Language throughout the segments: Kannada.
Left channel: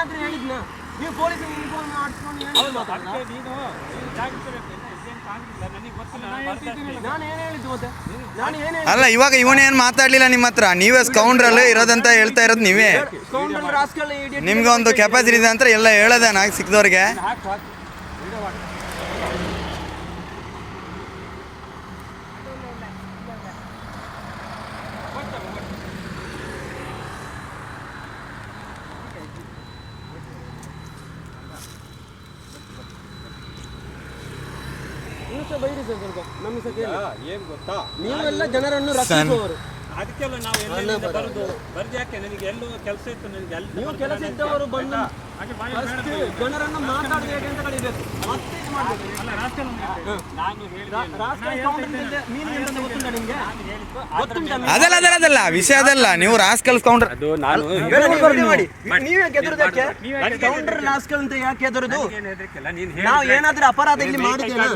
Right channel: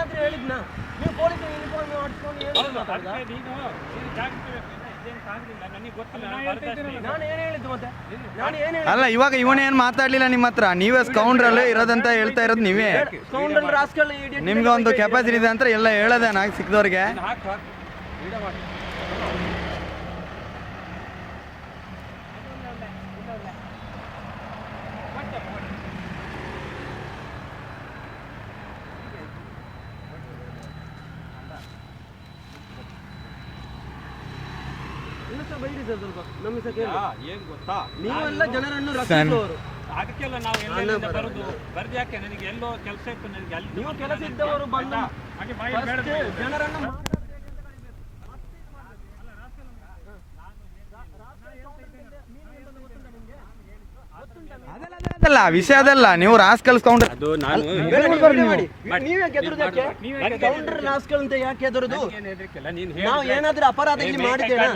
ನಾನೇನಾದ್ರೂ ಹೇಳಿದ್ನ? ನೀವು ಪೊಲೀಸ್ ಯೂನಿಫಾರ್ಮ್ ಹಾಕ್ಕೊಂಡು ಏನು ಮಾತಾಡ್ತಾ? ಅಲ್ಲ ಇವಾಗ ಇವನೇನು ಮಾತಾಡ್ಲಿಲ್ಲ ನಿಮ್ಮ ಹತ್ರ, ನೀವೇ ಸ್ಕೌಂಡ್ರಲ್ಲಿ ಇರೋದಂತ ಹೇಳ್ತಾ ಇರೋದು ನೀವೇ. ನಿಮ್ಗೆ ಒಂದು ಕೆಪಾಸಿಟಿ ಇದೆ ಅಂತ ಎಲ್ಲ ಹೇಳೋದೇ ನಾಗ ಸಿಕ್ದವ್ರಿಗೆ. ಏನ್ ಗೊತ್ತಾ, ನೀವೆಲ್ಲ ಜನರನ್ನು ರಕ್ಷಿಸುವವರು. ಅದಕ್ಕೆಲ್ಲ ನಾವು ಬರ್ದು ಯಾಕೆ ನನಗೆ ಎಲ್ಲೋ ಕೆಲಸ ಇತ್ತು, ನನಗೆ ಅಲ್ಲಿ ನೀವು ಕೆಲಸ ಇದ್ದವರು ಬಂದು ಜನರನ್ನು ಮಾತಾಡಬೇಡಿ ಅಂತ ಕಳಿಬೇಕು. ಮತ್ತೆ ಇದು ಮಾಡಬೇಕು. ಅದಲ್ಲ ವಿಷಯ ಅದಲ್ಲ. ನೀವು ರಾಸ್ಕಲ್ ಕೌಂಟರ್ ನೀವೇ ಗೆದ್ರದಕ್ಕೆ ಕೌಂಟರ್ ರಾಸ್ಕಲ್ ಅಂತ ಯಾಕೆ ಹೆದರುದು? ನಾವು ಏನಾದ್ರೂ ಅಪರಾಧ ಇಲ್ಲಿ ಮಾಡಿದ್ದೇವೆ?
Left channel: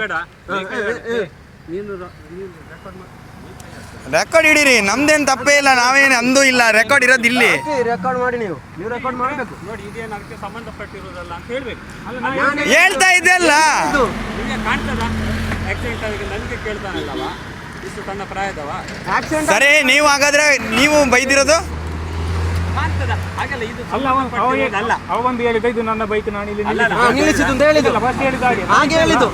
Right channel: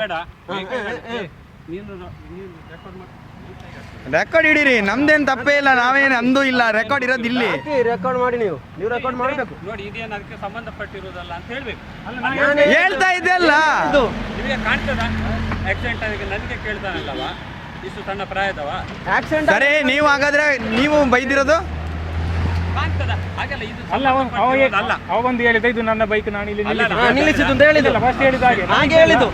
ರೆಕಾರ್ಡ್ ಹಿಡೀರಿ, ನಮ್ದೇನು ತಪ್ಪೇ ಇಲ್ಲ, ನಾವೇನು ಅಂದೂ ಇಲ್ಲ. ರೆಕಾರ್ಡ್ ಇರೋದು ಇಲ್ಲಿ. ರೆಕಾರ್ಡ್ ಮಾಡಿ ನೀವು ರೆಕಾರ್ಡ್ ಮಾಡಬೇಕು. ನೋಡಿ ಇದೇನು ಅದಕ್ಕೆ ಸಂಬಂಧಪಟ್ಟಿರೋದಲ್ಲ ಅಂತ ಹೇಳ್ಬೇಕು. ಹೇಳ್ತಾ ಇದೆಯಲ್ಲ, ನಿಮಗೆ ಕಾಣ್ತದ ಆಕ್ಸಿಡೆಂಟ್ ಆಗಿದೆ ನನಗೆ ಕೇಳ್ತಾನಲ್ಲವ, ಇಷ್ಟು ಸಣ್ಣ ಪ್ರಾಯದವ. ಸರಿ ನೀವು ಹಾಗಾದ್ರೆ ನೀವು ಬೈದಿರೋದು ಅವ ಒಂದು ಹೇಳಿದ ಇದು ನನ್ನ ಬೈಕ್, ನಾನು ಇಲ್ಲಿ ನಿಲ್ಲಿಸಿದ್ದು ಅಂತ ಹೇಳಿದ್ದು. ಹಾಗೆ ಹೇಳಿದ್ದು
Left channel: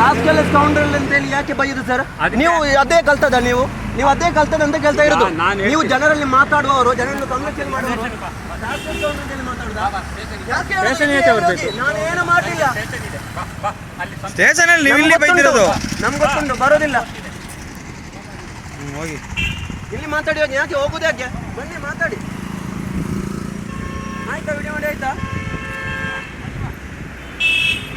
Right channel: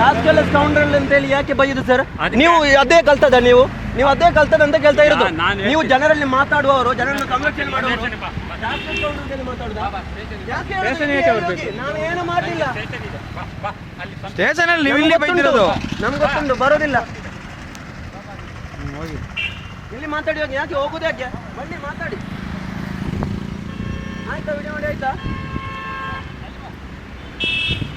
ರಾಸ್ಕಲ್ ಕೌಂಟರ್ ಅಂತ ಹೇಳಿ ಯಾಕೆ ಬೈಯುದು ಸರ್? ನೀವು ಅದೇ ಕಲ್ತದ, ನೀವು ಅದೇ ಕಲ್ತದ ಅಂತ ಕೇಳ್ತಾ ಇರೋದು. ನೀವು ಜನರಲ್ಲಿ ಮಾತಾಡುವವರು, ಜನರನ್ನು ಸಂರಕ್ಷಣೆ ಮಾಡುವವರು. ನಾನೇನು ಮಾಡಲಿಲ್ಲ. ಸ್ಟೇಷನ್ ಅಲ್ಲಿ ನೀವು ಇಲ್ಲಿ ಬೈದಿರೋದು ನಮ್ಗೆ ಗೊತ್ತುಂಟು, ಬರೋದಿಲ್ಲ. ಇಲ್ಲಿ ಮಾತಾಡಿ ಯಾಕೆ ಹೋಗುದು? ಯಾಕೆ ಬನ್ನಿ ಮಾತಾಡಿ. ಆಯ್ತಾ? ವಿಡಿಯೋ ಮಾಡಿ ಆಯ್ತಾ?